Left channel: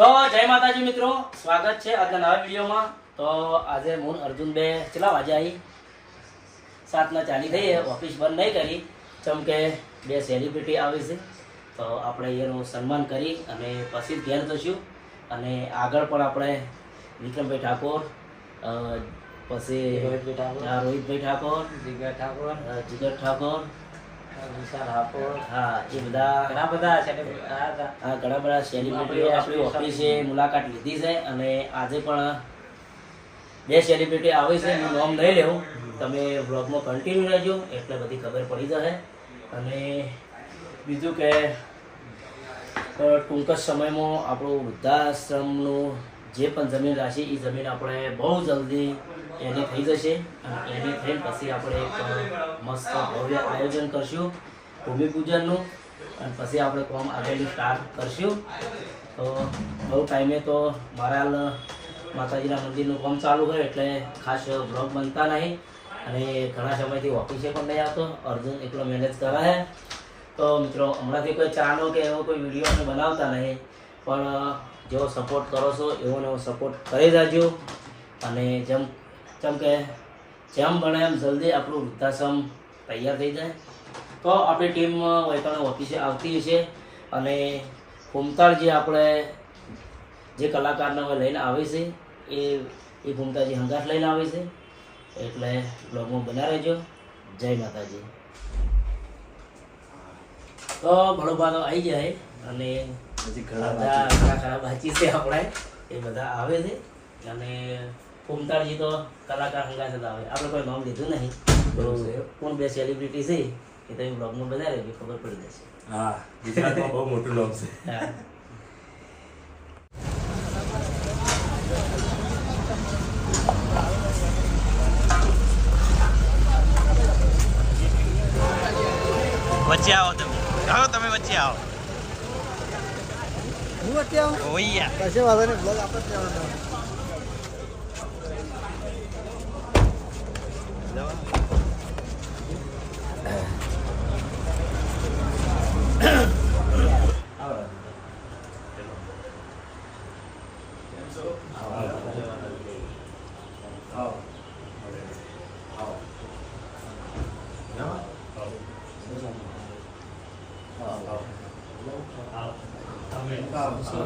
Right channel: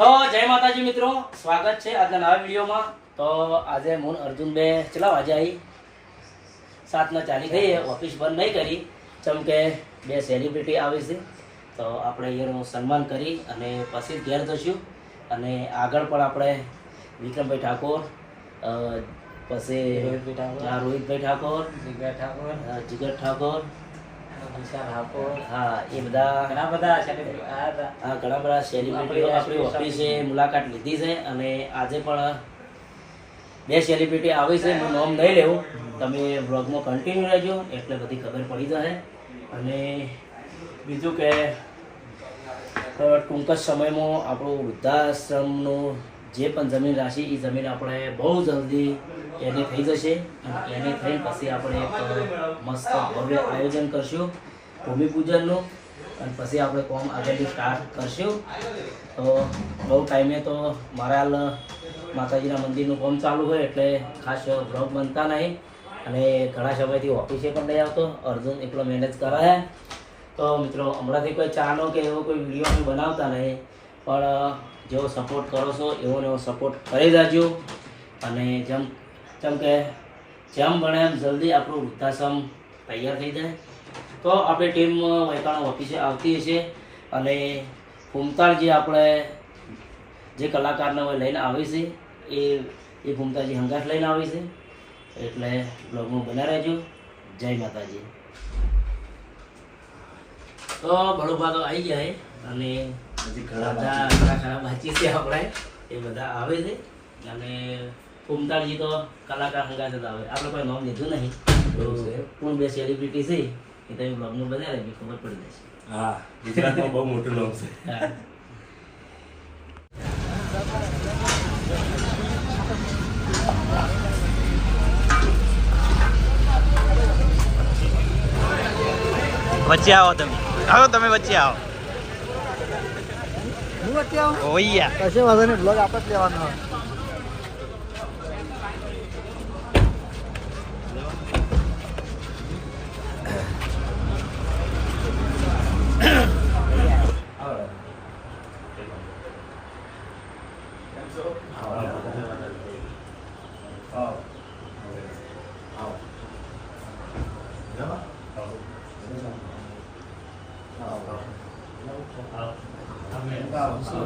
તો જય માતાજી મિત્રો સ્વાગત છે આજના નવા વિડીયોમાં. તો આજે હું અર્જુન બે ચલા વાજે આવી? સાતના ચાલી થઈ ઓફિસ બંધ નહીં કરી. ચમ કે બે સેલિબ્રિટી આવી છે. તો આપણે એનું સન્માન કરી અને પછી ઘેર જશું. અને આગળ પણ આપણે વિક્રમભાઈ ઠાકોર પછી રોહિતભાઈ ઠાકોર. રોહિતભાઈ ઠાકોર જીગર ઠાકોર હા એ બધા બધા ઘણા બધા સેલિબ્રિટીઓ આપણી ઓફિસે મુલાકાત લીધી છે અને આજે પણ બે સેલિબ્રિટી આવે છે હું નામ નહીં લેવું. તમે બ્લોગમાં કન્ટિન્યુ રહેજો એટલે બધી ખબર પડી જશે. અને બીજું કે ટૂંક જ સમયમાં આપણું વૃદ્ધાશ્રમનું જે પણ જમીન રાશિ એ જમીન આપણે બહુ જલ્દી એની થઈ જશે અને એની થઈને પછી આપણે એક મસ્ત ભવ્ય આયોજન કરશું, ભૂમિપૂજનનું. અને પછી આપણે કોમ આગળનું સ્ટાર્ટ કરશું. તો બહુ ટાઈમે તો મારા માતાજીના મંદિરનું કામ ચાલુ હોય એટલે ખાસ બ્લોગ બનતા નહીં. અને ઘણા સમયથી ઓફિસે પણ નહીં આવતો. અર્જુન એકલો મેનેજ કરે તો મિત્રો, હમણાંથી કોઈ ચાનો કે એવો કોઈ વીડિયો અમે બનાવતા નહીં. પણ જેવો સપોર્ટ કરો છો, એવો એવો સપોર્ટ કરી દેજો. અને જેમ જેમ કે જેમ બને એમ જલ્દી આપણું વૃદ્ધાશ્રમ તૈયાર થઈ જાય. તો આપણી ટીમ વૈકાણો ઓફિસે આવતી હશે અને ફૂમતાળજી આપણે જે કલાકારને હવે લઈને આવે છે એ એ ફૂમતાજી હંગાટ લઈને આવે છે. એટલે બ્લોગમાં બના રહેજો. જય માતાજી. તો બળોબા તો આવી છે અને હજી ઘણા બધા ઘણા બાકી છે આપણે. એ બધા આવે છે અને ફૂમતાળજી તો કલાકાર હંગાસ જ આવે. આપણે કોઈ નામ લીધું નહીં. તો કોણ બે સેલિબ્રિટી છે એ તમે બ્લોગનું બધા રહેજો ખબર પડી જશે. હા ગુજરાતમાં બહુ મોટું નામ છે. વચ્ચે આવો તમે. આવો તમે વચ્ચે આવો. હું વચ્ચે આવો? ઓયા કશું વાંધો નહીં, બ્લોગ આપણે જ લેવાનો. મજામાં જય માતાજી સુખ શાંતિ. હા, જાઓ. હા, ટેબલ જો લાગી છે.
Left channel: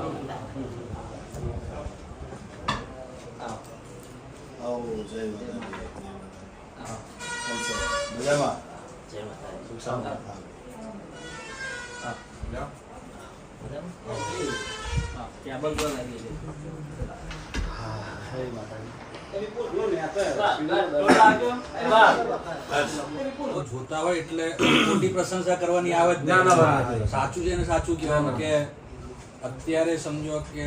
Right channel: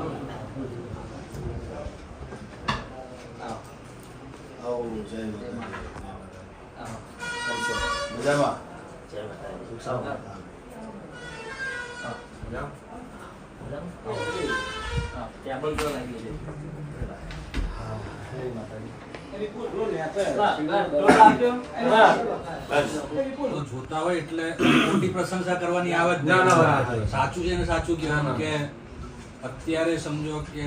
તો જોતા હોય એટલે મોટી પ્રશંસા કરવાની આવે જ સાચું છે ને સાચું કહેવાનું કે અત્યારે સમજો કે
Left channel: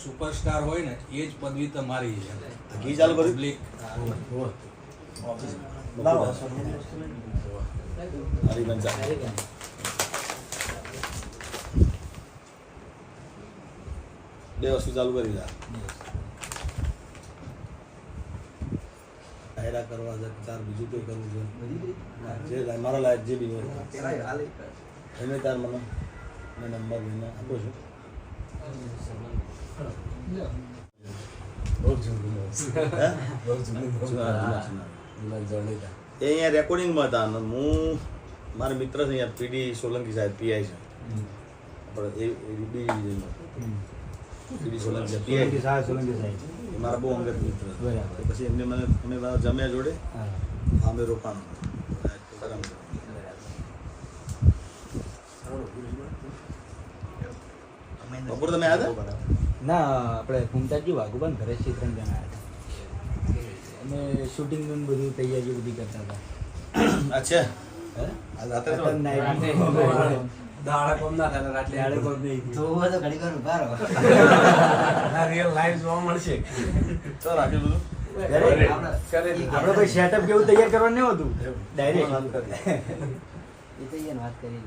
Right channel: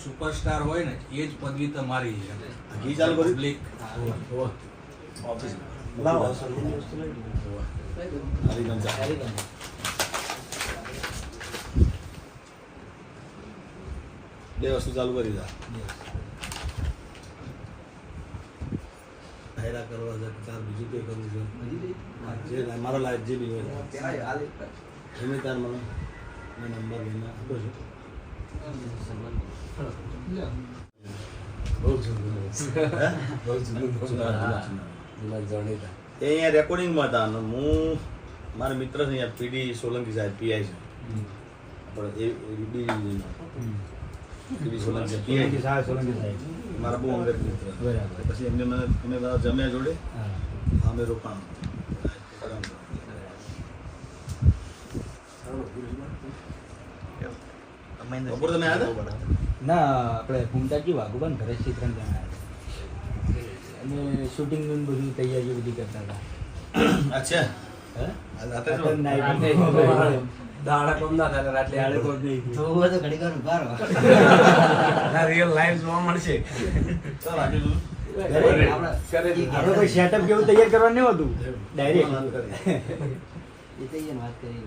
સુપરસ્ટાર હોય ને એ જ પદવી તમારી છે. ઘી ચાલુ કર્યું? Public. બે વસ્તુ ચાલુ કરી દા હેરા કરવા છે ચાર બીજું કોઈ કરવું છે? જે મારા લાયક જે બી હોય. એમને તાર મને મેં નંબર લઈને આપો છું. એ અહીંયા રેકોર્ડિંગમાં હતા અને હું મારા મિત્ર છે અહીંયા પીડી સોલંકી સાહેબ પીઆઈ છે. આપણે એ પીડી સોલંકી પીઆઈ. મારા બહુ અંગત મિત્ર બરાબર. પછી એમને મને અમે બધા જમ્યા જોડે અમે રોકાણ બપોર તમે આવ્યા હતા? ના આપણે ભૂમતાજી વાઘુબાન ઘરે જ ત્રણ જણા અને શૂટિંગનું બધું તૈયારીઓ બધી કરતા હતા. અચ્છા. દાડા કોમ ના થાય રાત્રે આડે કોમ નહીં. તો હું તો ઘડીક વાર ઊભા રહો. તો રાખી દીધું આપણે આપણે કોઈ સેટઅપ જેવું તૈયાર કરવાનું નહીં હોતું ડાયરેક્ટ એ તો વાત કરી.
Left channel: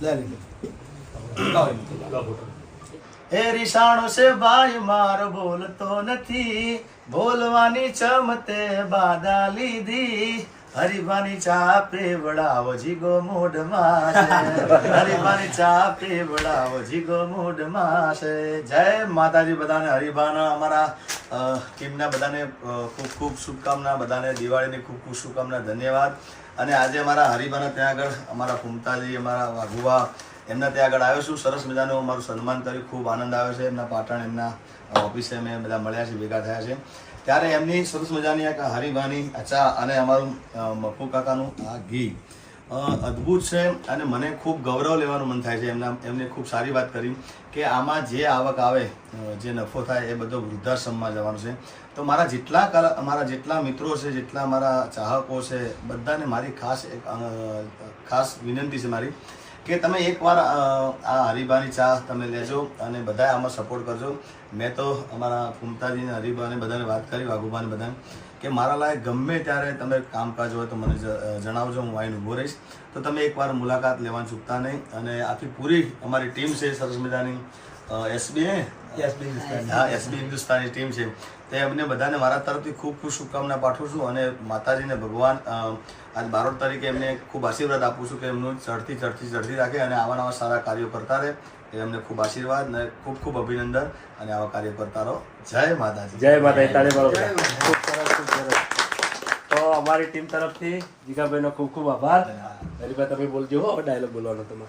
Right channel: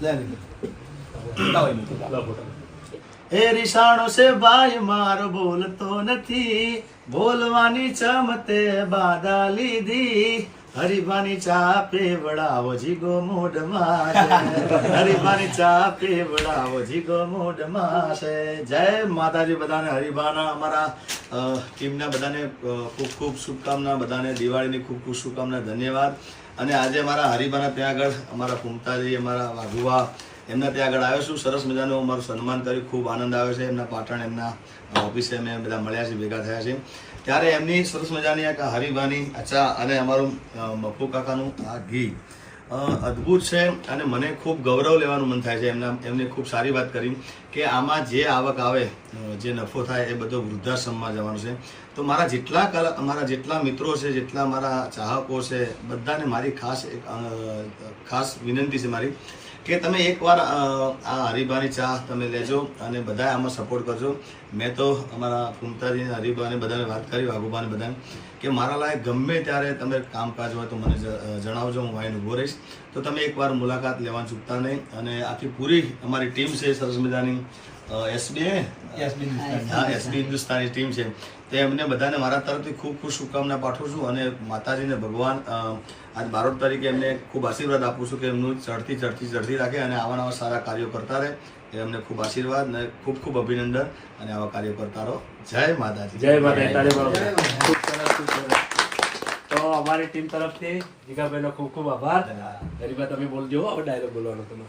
એ મૂકી. રીસાણો છે ભાઈ મારો બોલતો નથી બોલવાની ચમતે બાધા લીધી હરિભાની ચા પીવડાવો જીગો મૂઢમાં છે. હરિભાની ચા પીવડાવો જીગો મૂઢમાં છે જય માતાજી બધાને, હરિભાના અમારા ટીમના બધાને ખૂબ ખૂબ શુભકામના, બધાને દિવાળીની ખૂબ ખૂબ શુભકામના, ધન્યવાદ. અને આજે અમારા હરિભાના ત્યાં આગળ અમારા કુમતાજી, અમારા વાઘુવા, એમના ત્યાં આગળ આવ્યો છું. સરસ મજાનું મારું સન્માન કર્યું. ખૂબ આનંદ આવ્યો છે. એમના પાટણ, એમના ઓફિસે મેં બધા મળ્યા છે ભેગા થયા છે ત્યારે એમની સરસ મજાની આ હરિભાની અચ્છા અને અમારું મફુ કાકાનું આ ઘી. અદ્ભુત છે અને મને ખૂબ ગૌરવ લેવાનું મન થાય છે. એમના, એમને ખૂબ સારી વાત કરી કે આમાં જે આવક આવે જે નફો થાય એ બધો વૃદ્ધાશ્રમમાં જવાનું છે. તો મારા જેટલા કલા, મારા જેટલા મિત્રો છે, જેટલા મારા ચાહકો છે, બધાને મારી ખાસ એક ખાસ વિનંતી છે મારી કે તમે એકવાર આ હરીબાની ચા તમે લેજો અને બધા આમાં સપોર્ટ કરજો. મેં તો અમારા ફૂમતાજીને અને બધાને વાત કરી વાઘુબાને બધાને કે મારા લાયક ગમે ત્યારે તમે કામકાજ હોય તો મને જણાવજો હું વાઈન ઊભો રહીશ. તો તમે એકવાર મુલાકાત લેવાનું ચૂકતા નહીં અને આખી પૂરી અમારી ટીમ છે સરસ મજાની એસબીઆઈ હા એસબી હિન્દુસ્તાની ટીમ છે. તે એમને બધાને મારા તરફથી ખૂબ ખૂબ શુભકામના પાઠવું છું અને માતાજીને ભગવાન આજ બારોટ તરીકે એમને ખૂબ આશીર્વાદ આપું છું કે એમનું ચડતી ચડતી ચડતી રાખે અને આવા નવા સારા કાર્યો કરતા રહે. એ અમને ખૂબ આશીર્વાદ અને ખૂબ ખૂબ અભિનંદન અને આવા કાર્યો કરતા રહો. જય માતાજી. જય માતા તો અમારી ટીમ તરફથી જીગાભાઈનો ખૂબ ખૂબ આભાર. હરીભાઈ તમે બોલજો હવે ડાયલોગ બોલવાનો તમે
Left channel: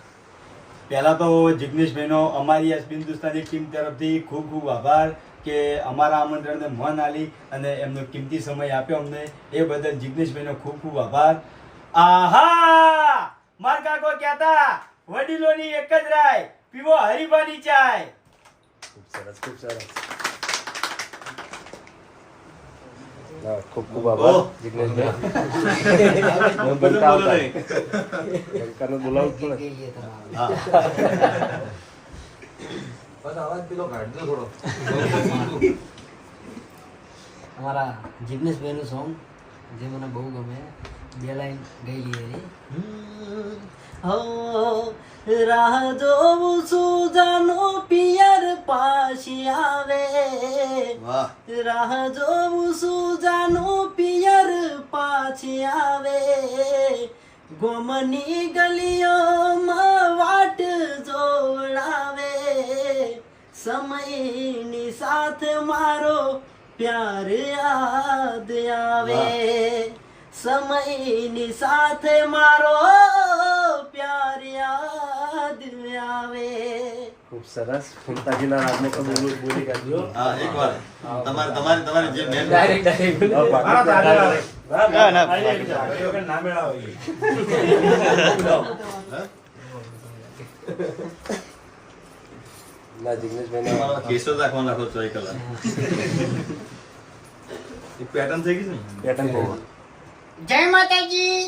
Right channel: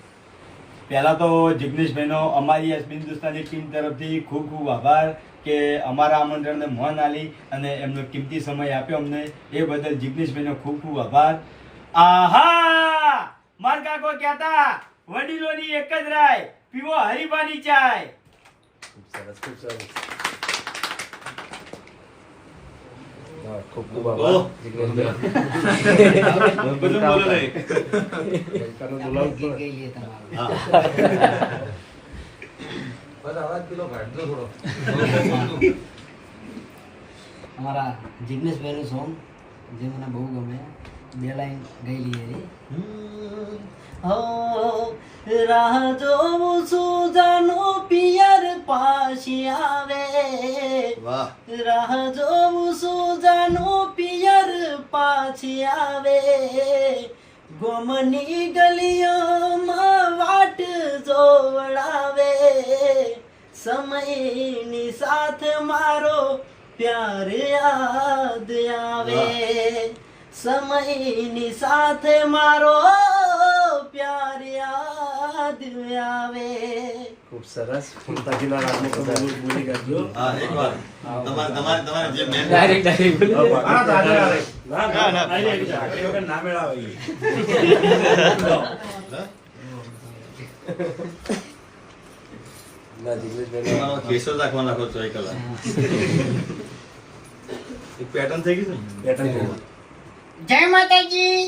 પહેલા તો જિગ્નેશભાઈનો અમારી એસ હિન્દુસ્તાની ટીમ તરફથી ખૂબ ખૂબ આભાર કે અમારા આમંત્રણને મોહન આલી અને એમનો કિંમતી સમય આપ્યો અમને. એ બદલ જિગ્નેશભાઈનો ખૂબ ખૂબ આભાર. આહા! માર કાકો કહેતા વડીલોની એક જ રાય, પીવો હરીફાની ચાય. ખૂબ સરસ ખૂબ સરસ હા, ખૂબ ખૂબ આભાર ઓહ. જિગ્નેશભાઈ બધું બોલો નહીં. સરકારને બોલાવું જ પડે. હા અમારા જિગ્નેશભાઈનું સોંગ જે મને બહુ ગમે બે લાઈન ગયેલી એની હો રાહ જોઉં છું જાનો પિયર પાછી આવે. રાહ જોઉં છું જાનો પિયર પાછી આવે. ગોમની ગલીઓમાં વાટ જોડાવે સમયની સાથે મારો પ્યાર યાદ આવે. સમયની સાથે મારો પ્યાર યાદ આવે. ખૂબ સરસ. ફૂમતાજીના રાગમાં તમે બોલી- બોલી કાઢજો હા એકવાર તમારે તમારે તમારે જે મેન ડાયરેક્ટ ડાયરેક્ટ ના ના. મેળાવે ના. જિગ્નેશભાઈનો કેસર રાખવા નાખો છો એક પેટર્ન થઈ ગઈ ને? પેટર્ન જય માતાજી.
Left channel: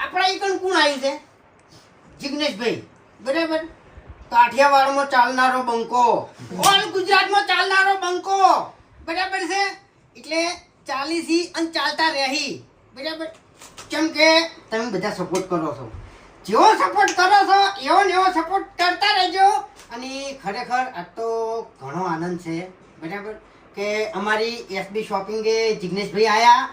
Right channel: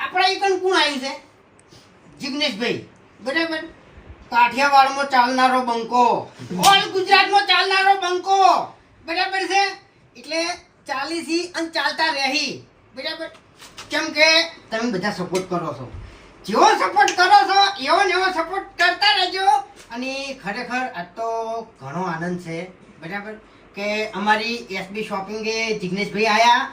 આપણા ઈ કણ કોણ આવ્યું છે? જિગ્નેશભાઈ બરાબર? કાઠિયાવાડમાં ચાલનારો બંકો. ઓલ ગુજરાતમાં ચાલનારો બંકો. બરાબર છે? એટલે ચાલીસી અને ચાલતા રહી. બરાબર? કેમ કે તમે બધા સપોર્ટ કરો છો. જેવો સપોર્ટ કરો છો એવો ને એવો સપોર્ટ કરતા રહેજો. અને ખરેખર આ તો ઘણો આનંદ છે. બરાબર? કે અમારી એસબી શોપિંગે જિગ્નેશભાઈ આવ્યા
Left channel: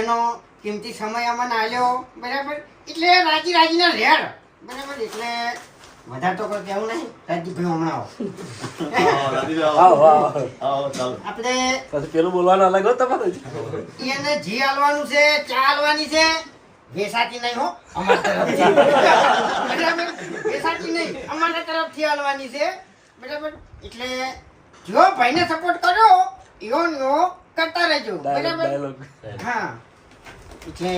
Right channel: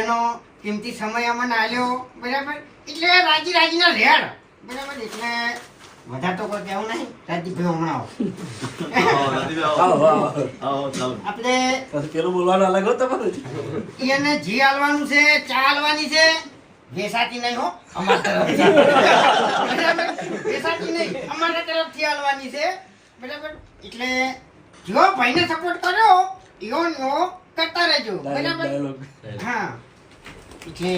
એનો કિંમતી સમય અમને આવ્યો બરાબર? એટલે રાજી રાજીના રેડ બરાબર એટલે વધારે તો કોઈ કહેવું નહીં. હમણાં. આપણે પેલું બોલવાનું અલગ એને જી હાલવાનું છે ચા હાલવાની છે. વેસાતી નહીં હો બરાબર? વેસાતી નહીં અમારા તરફથી હાલવાની છે. બરાબર? એટલે જો ભાઈને સપોર્ટ કર્યો એવો ને કરતા રહેજો. બરાબર? હા. એટલે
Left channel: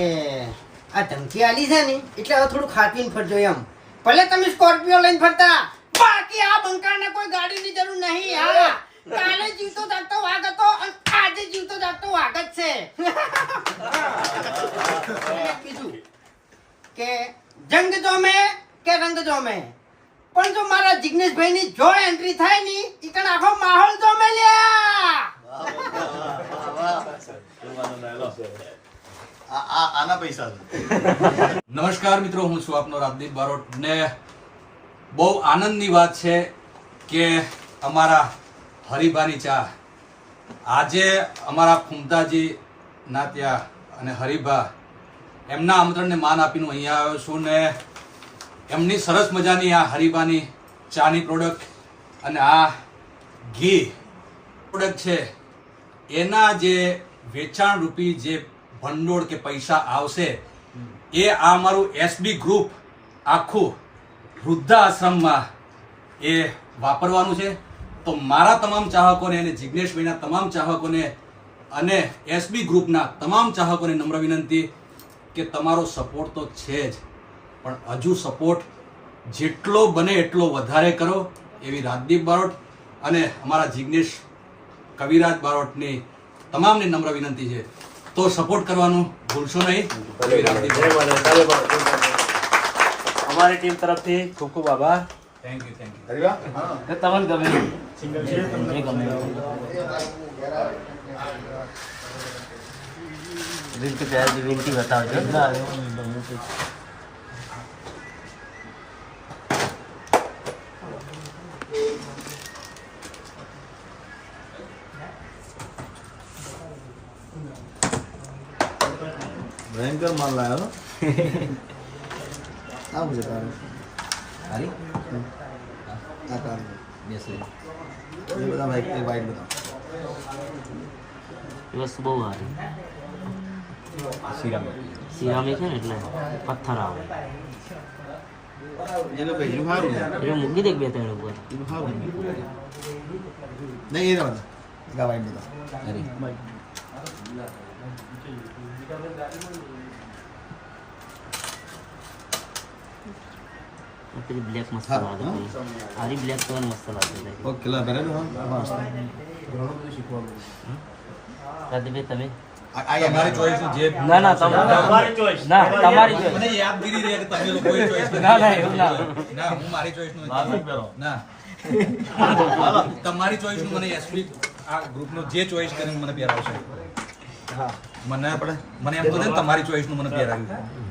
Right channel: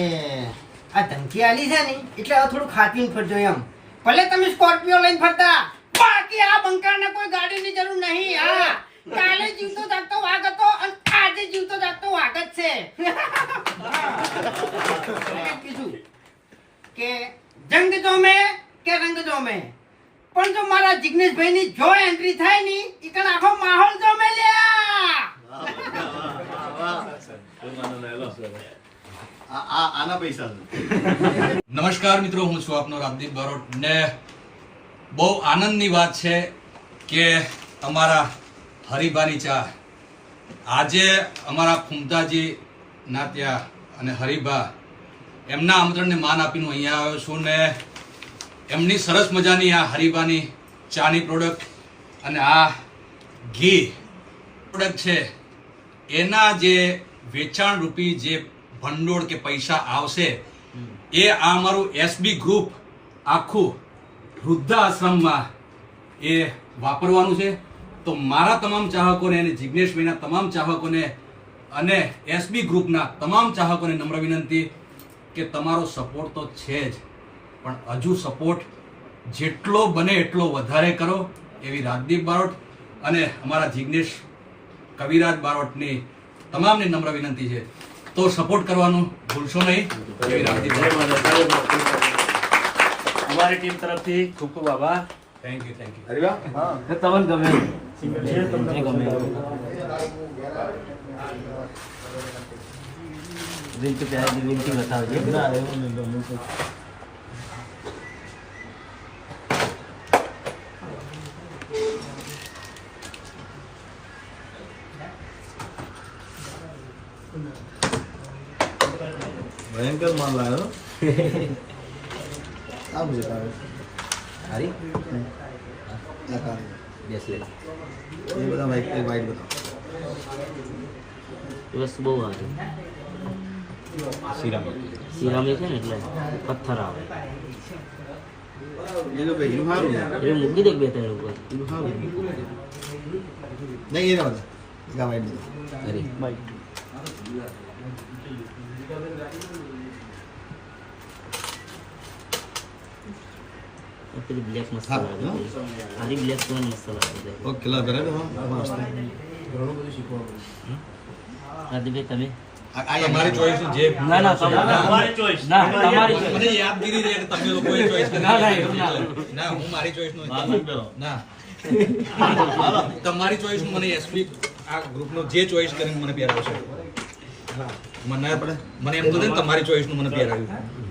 આ ધમકી આલી છે ને એટલે હવે થોડું ખાટીને ફરજો એમ. ભલે તમે સ્કોર્પિયો લઈને ફરતા બાકી આ બંકાને કોઈ ગાડીની જરૂર નહીં. હા કાલે જીવતો જાગતો વાઘ હતો આજે જીવતો જાગતો વાઘ જ છે. કીધું કે જંગ જો મે કે રંગ જો મે પણ જો મારા જિગ્નેશભાઈ ની જો એન્ટ્રી થાયની ઈકણ આખો માહોલ જો મે લ્યા વાહ, વાહ, વાહ, વાહ, આના પૈસા. નમસ્કાર મિત્રો, હું છું આપનો રાજદીપ બારોટ. ને બહુ આનંદની વાત છે કે અમારા હરિભાની ચા. આજે અમારા ખુમતાજી ના ત્યાં અને હરિભા એમના આમંત્રણને માન આપીને અહીંયા આવ્યો છું ને એમની સરસ મજાની આ હરિભાની ચાની પ્રોડક્ટ અને આ ઘી પ્રોડક્ટ છે. એના જે વેચાણ રૂપી જે ભંડોળ કે પૈસા આવશે, એ આ અમારું એસબી ગ્રુપ આખું વૃદ્ધાશ્રમમાં એ વાપરવાનું છે. તો મારા તમામ ચાહકોને અને જિજ્ઞેશભાઈના તમામ ચાહકોને અને એસબી ગ્રુપના તમામ ચાહકોને નમ્ર વિનંતી કે તમારો સપોર્ટ તો છે જ, પણ હજુ સપોર્ટ જેટલો બને એટલો વધારે કરો, એવી રાજદીપ બારોટ અને અમારા જિજ્ઞેશ કવિરાજ બારોટની તમામને નમ્ર વિનંતી છે. તો સપોર્ટ કરવાનું ભૂલશો નહીં. અમારી ટીમ તરફથી ખૂબ ખૂબ આભાર. થેન્ક યુ થેન્ક યુ તમને ગમે. Thank તે. ભયંકર મન લાગ્યો આમ છે તારે હરી? આ કામ બેસ લે. એ બધા વાઈટ વાઈટ બધા. એ વસ્તુ બહુ સારી. સિરામિક. છે ને એટલે પથ્થર આવે. એ મૂકી દે બે ત્રણ ઉપર. નહીં એને બધા બધા વાઈટ બધા. હરી. આ પેલી બ્લેક મસ્ત હા, લાગે આરી બ્લેક કલર મસ્ત લાગે ઓકે લા બરાબર મસ્ત રાજદીપભાઈ તમે તમારી ચોઈસ જે ના ના તમારી ચોઈસ ના તમારી મને યાદગીરી રહે કે તમે લોકોએ ચોઈસ ના, ના, ના. ના હું મારી ચોઈસનું ના. તમારી ચોઈસનું મને એસપી આ ગ્રુપ નો જે ચોઈસ કરીને મને પહેરાવશે. મને મને એમ તો ને તમારી ચોઈસનું મને પહેરાવ્યું.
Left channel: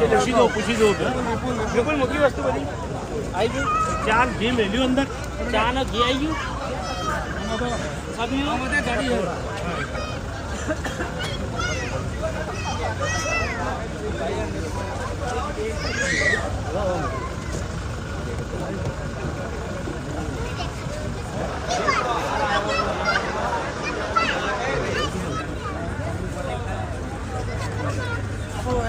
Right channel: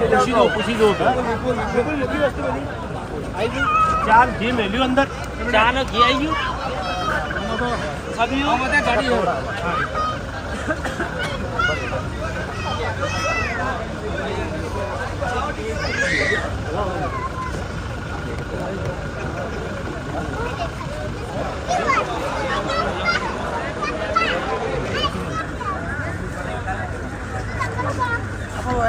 પૂછી દો પૂછી દો વિપુલ મૂકી વસ્તુ બધી આવી ગઈ ચા ઘી મેલ્યું અંદર ચા ને ઘી આવી ગયું સબ્યું ગાડી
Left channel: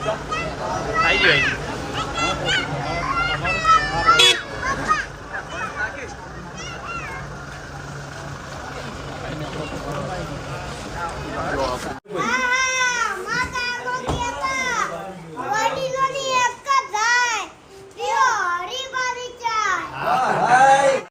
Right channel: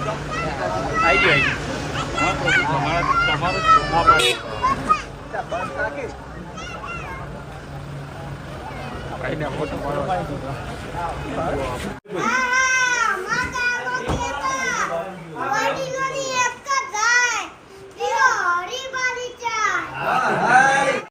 આવી ગયો આવી વડીલોની